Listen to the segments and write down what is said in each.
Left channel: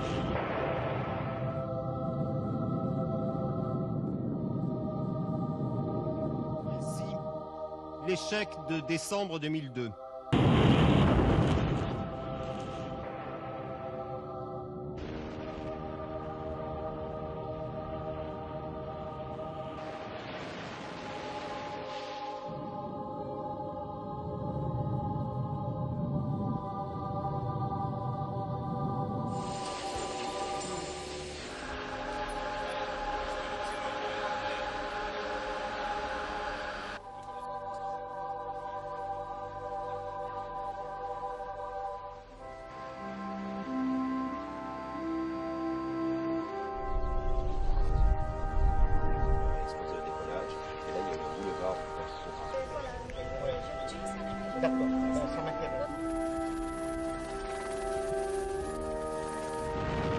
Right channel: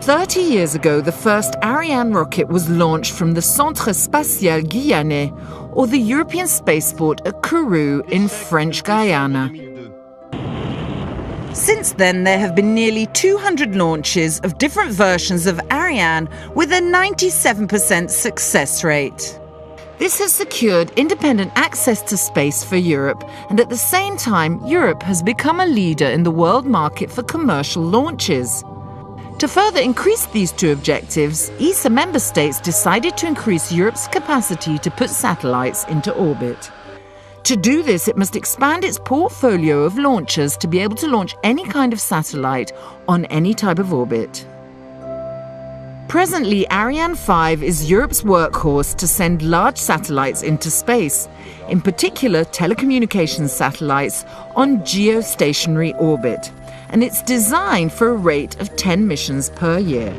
"30 years ago, the first Ariane rocket was launched from the Centre Spatial Guyanais, or the European Spaceport at Kourou in French Guyana. Since then, there have been nearly 200 launches of different versions of Ariane with a 97% success rate. This has secured independent access to space for Europe, and at the same time, Europe has become a leader in the world market for commercial launches. To further increase these two objectives, ESA member states decided to increase Europe's capacity to put satellites into orbit. To do this, it must expand its portfolio of launchers to be able to launch any kind of satellite on any type of orbit. Presently, Ariane 5 is Europe's workhorse to send large satellites into space, in particular telecommunications satellites on geostationary orbit, and it's designed for a rate of 10 missions per year.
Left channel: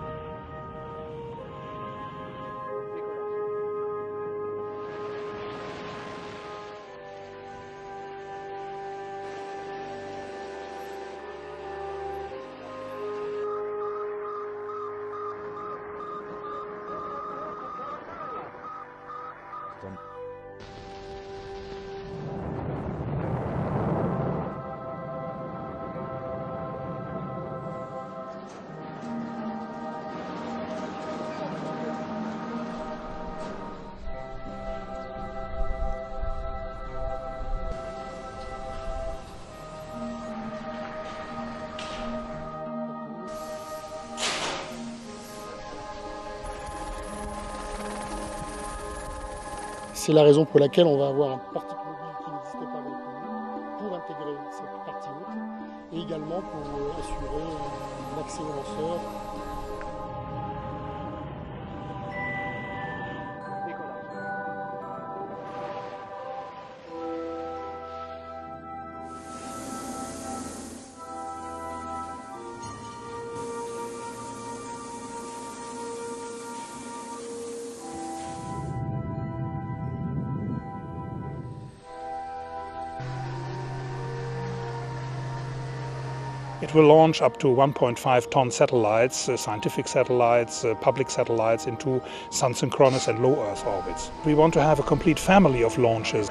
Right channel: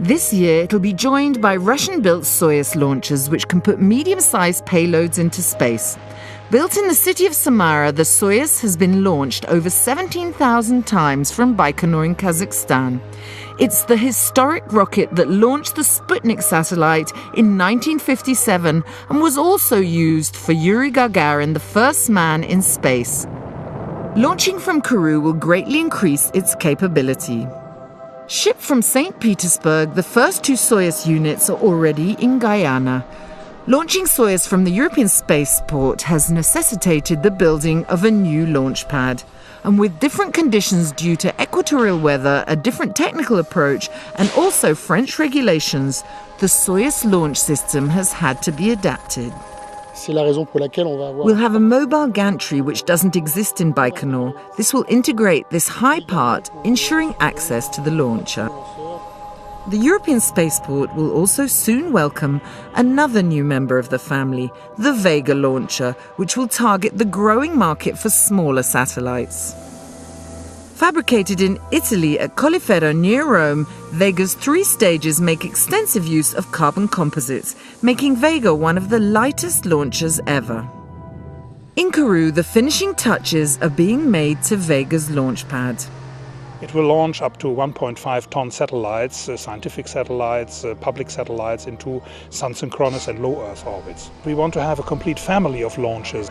This year, it'll be joined by Russian-built Soyuz launchers, which can put medium-sized payloads into space. Built in the city of Samara, the Soyuz has been launched over 17,000 times from Baikonur in Kazakhstan. It's the historic rocket that launched the Sputnik satellite in 1957 and was also used for Yuri Gagarin, the first man in space. Launching from Kourou will greatly increase its capability. Shipped from St. Petersburg, the first two Soyuz units are already in Guyana. Launching Soyuz from the European Spaceport has necessitated the building of a new launch pad. And with different conditions due to equatorial weather, a different technical approach, and also French regulations, the Soyuz launch system has had to be adapted. We'll have a mobile gantry which doesn't exist in Baikonur. This will integrate this high part, ensuring access to the launcher. The European Spaceport will also soon welcome another new member of the family, the Vega launcher, which will target the growing market for smaller satellites. Fabricated in Italy at Colleferro near Rome, Vega's 3 stages make extensive use of carbon composites, making Vega one of the lightest launchers ever. In Kourou, the finishing touches are being made to Vega's launch pad. It will launch up to 1.5-ton satellites, scientific satellites, public satellites into sun-synchronous and low Earth orbits. We want to have a complete family of launches.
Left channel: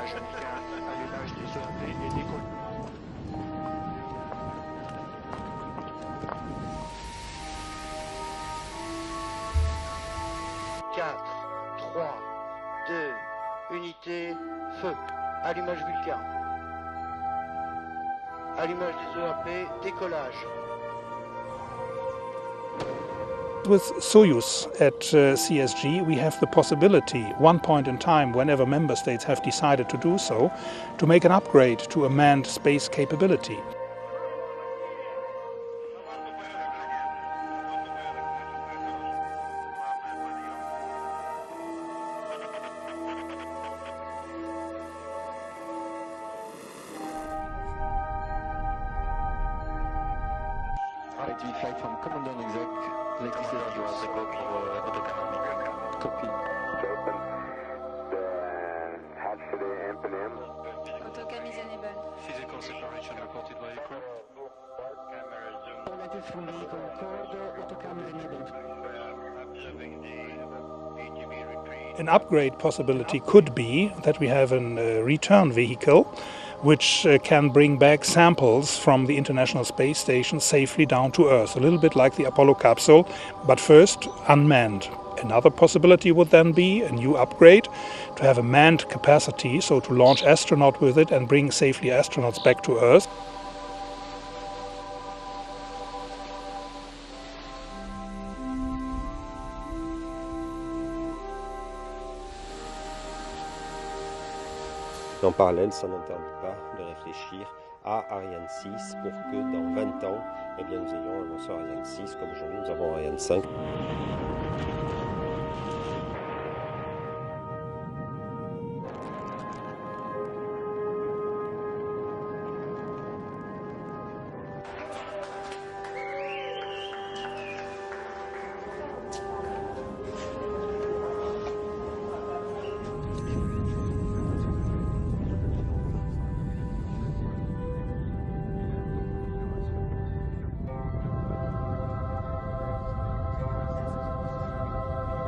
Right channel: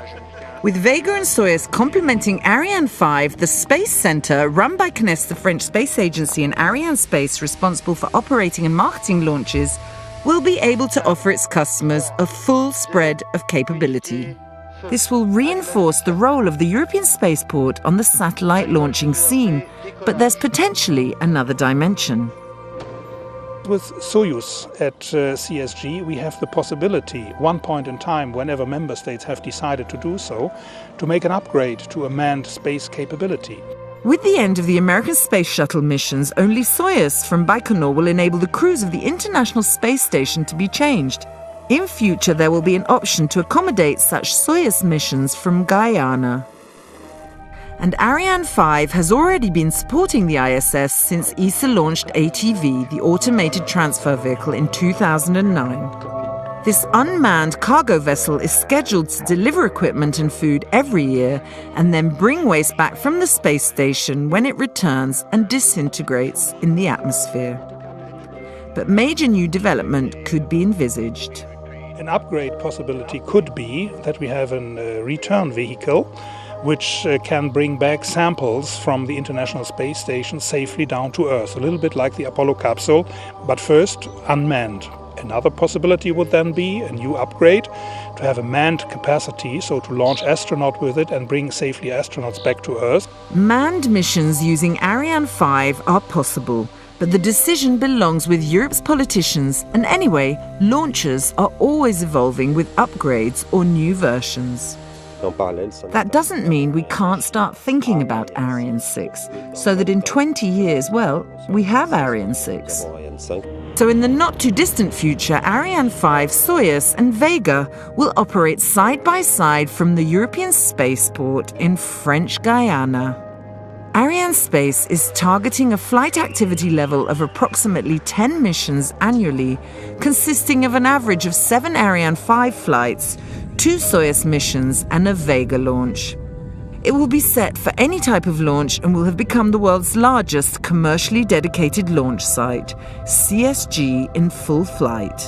With Vega and Soyuz complementing Ariane 5, the Space Center, run by CNES, the French space agency, and Ariane Space, responsible for operating and marketing launches, will be able to offer its customers a full spread of capability. This will reinforce the role of the European Spaceport on the satellite launching scene, but there's potentially another dimension. With Soyuz at CSG, we have the possibility, one point in time, whenever member states have decided to do so, to make an upgrade to a manned space capability. With the end of the American Space Shuttle missions, only Soyuz from Baikonur will enable the crews of the International Space Station to be changed. In future, there will be an option to accommodate such Soyuz missions from Guyana. And Ariane 5 has already been supporting the ISS since ESA launched ATV, the Automated Transfer Vehicle, in 2009. This unmanned cargo vessel is scheduled to deliver equipment and food every year and then bring waste back from the space station when it returns and disintegrates in the atmosphere. But major new development could be envisaged. An upgrade possibility could be that we have a return vehicle which can bring back samples from the International Space Station safely down to Earth, a little bit like the Apollo capsule, but first unmanned. Another possibility would then be a new upgrade to have a manned capacity, so to launch astronauts with it and bring safely astronauts back to Earth. Manned missions using Ariane 5 are possible, but the decision belongs with Europe's politicians, and anyway, launchers are always evolving with upgrades or new versions. That doesn't mean we can't start thinking about Ariane 6, so that in 20 years, well, we have Ariane 6. So in the not-too-distant future, Ariane 5, Soyuz and Vega will operate side by side from the European Spaceport in French Guyana. Arianespace is targeting a flight activity level of approximately 10 missions annually, consisting of an average of 7 Ariane 5 flights, 2 Soyuz missions, and a Vega launch. It will be set for any type of launch and will have become the world's largest commercially dedicated launch site, CSG in full flight.